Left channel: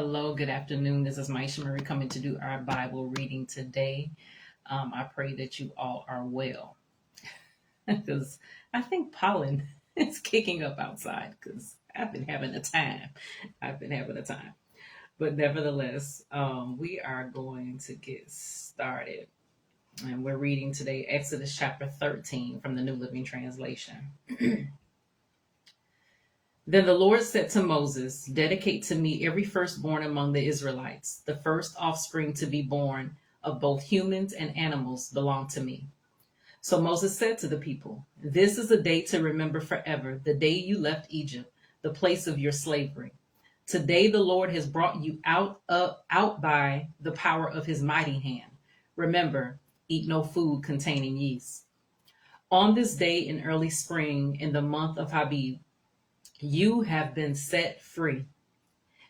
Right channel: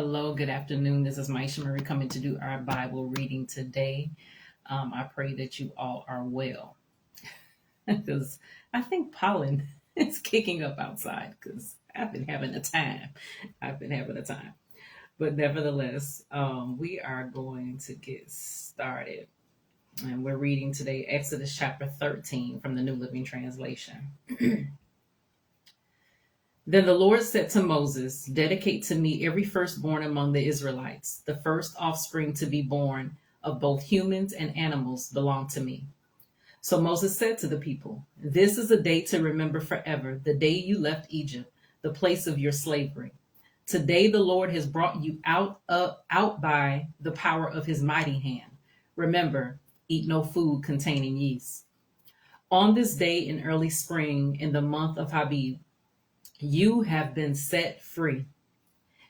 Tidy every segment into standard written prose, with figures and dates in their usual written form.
Hello, good afternoon. This is Myesha Marie coming to do our Bible reading today. I pray that you all are well because I think pollen is kicking up outside because I've been having a time. I've been having a time. But nevertheless, we are going to get started. And we're reading today Exodus chapter 13 from the New Living Translation. Then the Lord said to Moses, "Dedicate to me every firstborn among the Israelites. The first offspring to be born of both humans and animals belong to me." So Moses said to the people, "This is a day to remember forever, the day you left Egypt, the place of your slavery. Today the Lord has brought you out by the power of his mighty hand. Remember, eat no food containing yeast. On this day in early spring, in the month of Habib, you have been set free.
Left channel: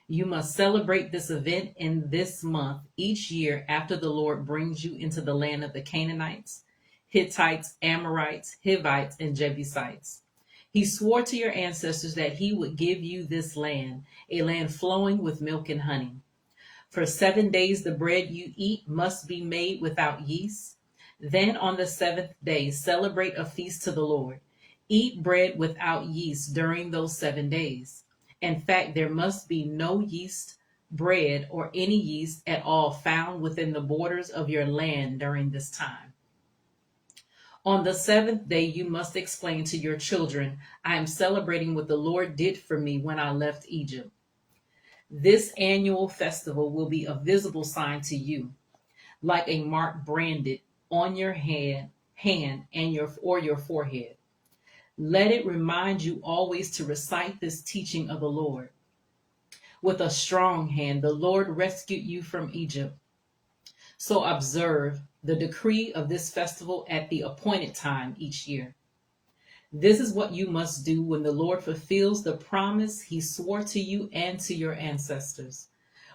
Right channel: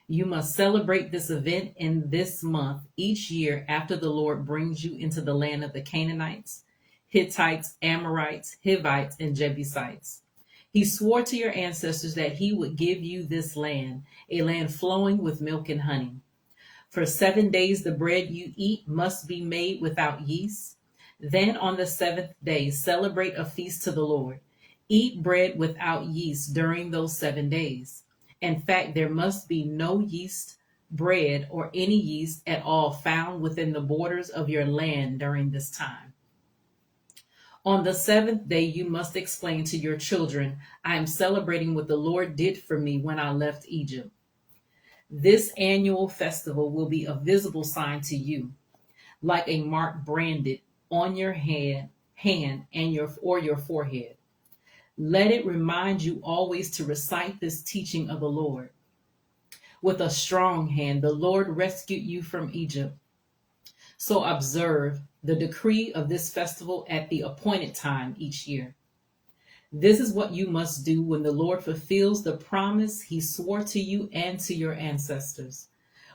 You must celebrate this event in this month each year after the Lord brings you into the land of the Canaanites, Hittites, Amorites, Hivites, and Jebusites. He swore to your ancestors that he would give you this land, a land flowing with milk and honey. For 7 days the bread you eat must be made without yeast. Then on the seventh day celebrate a feast to the Lord. Eat bread without yeast during those 7 days. In fact, there must be no yeast bread or any yeast at all found within the borders of your land during this time. On the seventh day, you must explain to your children, I am celebrating what the Lord did for me when I left Egypt. This annual festival will be a visible sign to you, like a mark branded on your hand and your forehead. Let it remind you always to recite this teaching of the Lord. With a strong hand, the Lord rescued you from Egypt. So observe the decree of this festival at the appointed time each year. This is what you must do when the Lord fulfills the promise he swore to you and to your ancestors.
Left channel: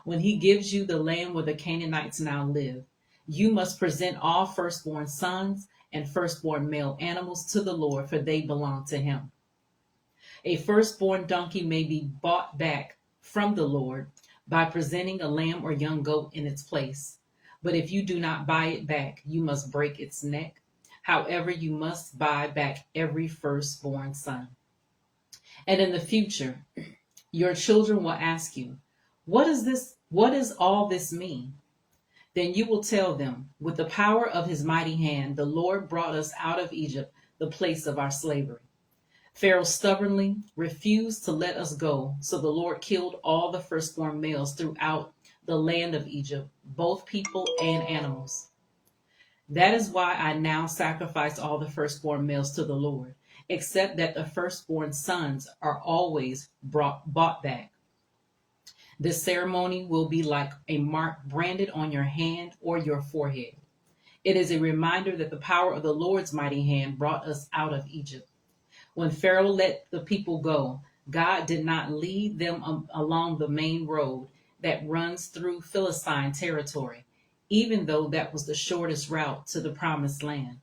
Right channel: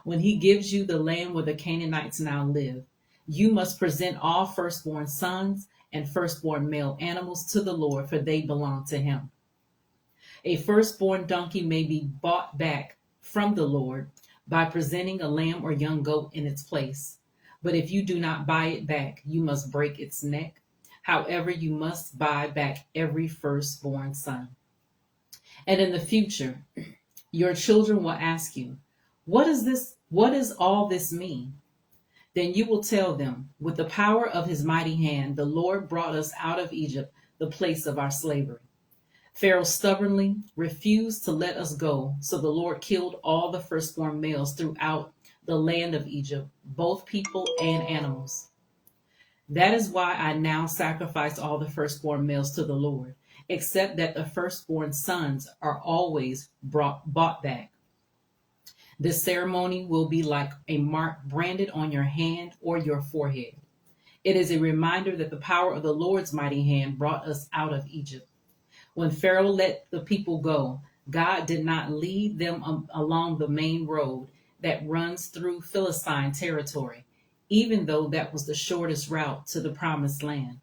When he gives you the land where the Canaanites now live, you must present all firstborn sons and firstborn male animals to the Lord, for they belong to him. A firstborn donkey may be bought back from the Lord by presenting a lamb or young goat in its place. But if you do not buy it back, you must break its neck. However, you must buy back every firstborn son. And in the future, your children will ask you, What is this? What does all this mean? Then you will tell them, with the power of his mighty hand, the Lord brought us out of Egypt, the place of our slavery. Pharaoh stubbornly refused to let us go, so the Lord killed all the firstborn males throughout the land of Egypt, both people and animals. That is why I now sacrifice all the firstborn males to the Lord, except that the firstborn sons are always bought back. This ceremony will be like a mark branded on your hand or your forehead. It is a reminder that the power of the Lord's mighty hand brought us out of Egypt. When Pharaoh let the people go, God did not lead them along the main road that runs through Philistine territory, even though that was the shortest route to the promised land.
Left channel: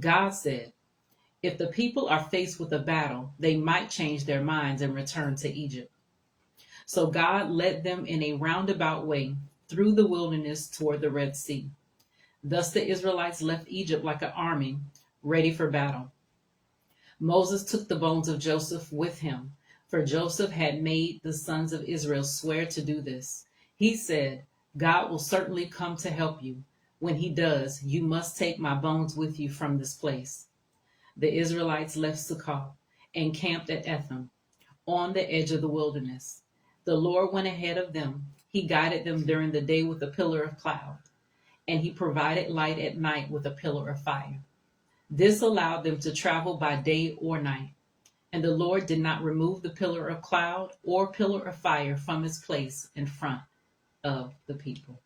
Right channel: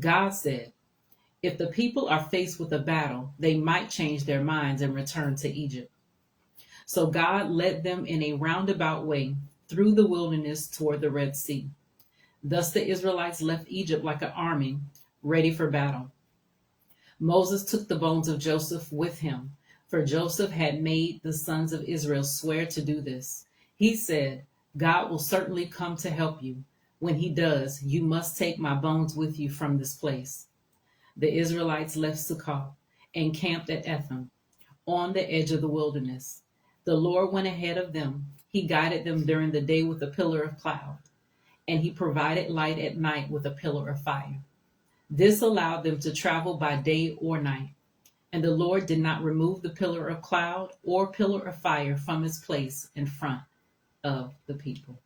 God said, if the people are faced with a battle, they might change their minds and return to Egypt. So God led them in a roundabout way through the wilderness toward the Red Sea. Thus the Israelites left Egypt like an army ready for battle. Moses took the bones of Joseph with him, for Joseph had made the sons of Israel swear to do this. He said, God will certainly come to help you. When he does, you must take my bones with you from this place. The Israelites left Succoth and camped at Etham, on the edge of the wilderness. The Lord went ahead of them. He guided them during the day with a pillar of cloud, and he provided light at night with a pillar of fire. This allowed them to travel by day or night. And the Lord did not remove the pillar of cloud or pillar of fire from its place in front of the people.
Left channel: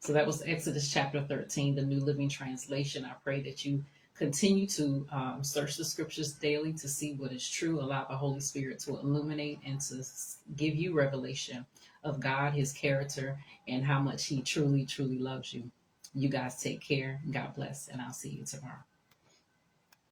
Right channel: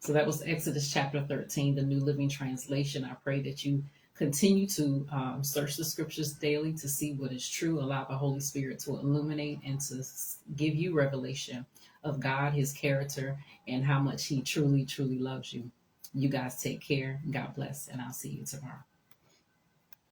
So that was Exodus chapter 13, the New Living Translation. I pray that you continue to search the scriptures daily to see what is true. Allow the Holy Spirit to illuminate and to give you revelation of God, his character, and how much he truly, truly loves you. You guys take care. God bless, and I'll see you tomorrow.